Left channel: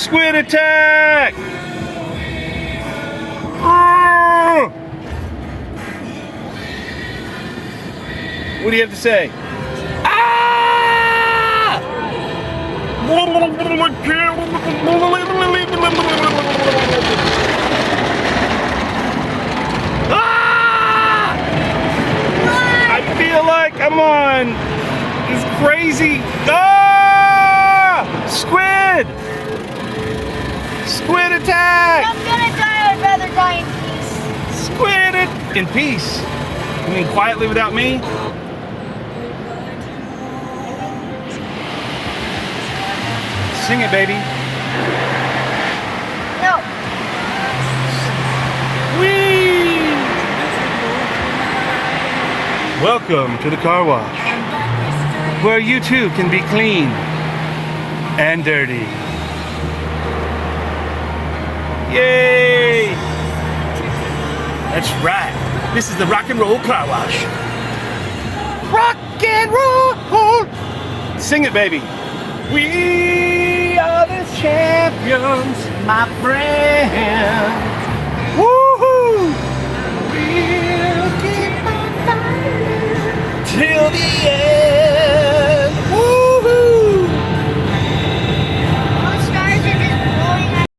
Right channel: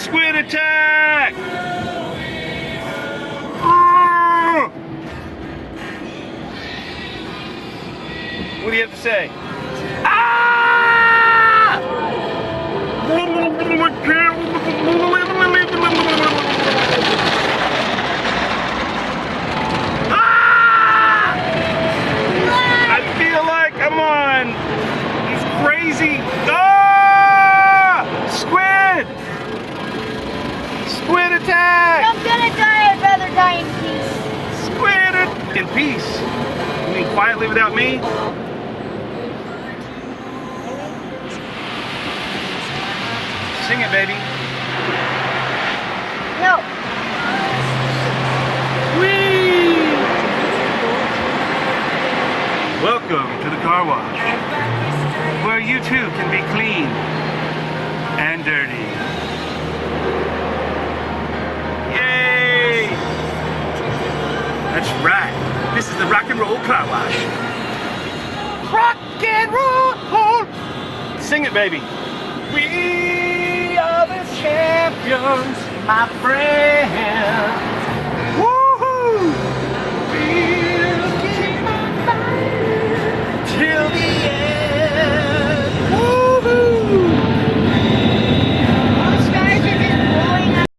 Squid attack! What do you have to say? Ah! Ah! I feel like I'm on this crazy. Ah! Squid! Squid attack! I'm gonna die. I'd rather die in peace. Squid in peace. You mean quietly without me? Sing it, baby. No. Whee! Welcome to the car wash, where you too can be clean and dirty. Yay! That's right. This is the rock and roll car wash. Rock and roll! Sing it, baby. We are the champions, my friend.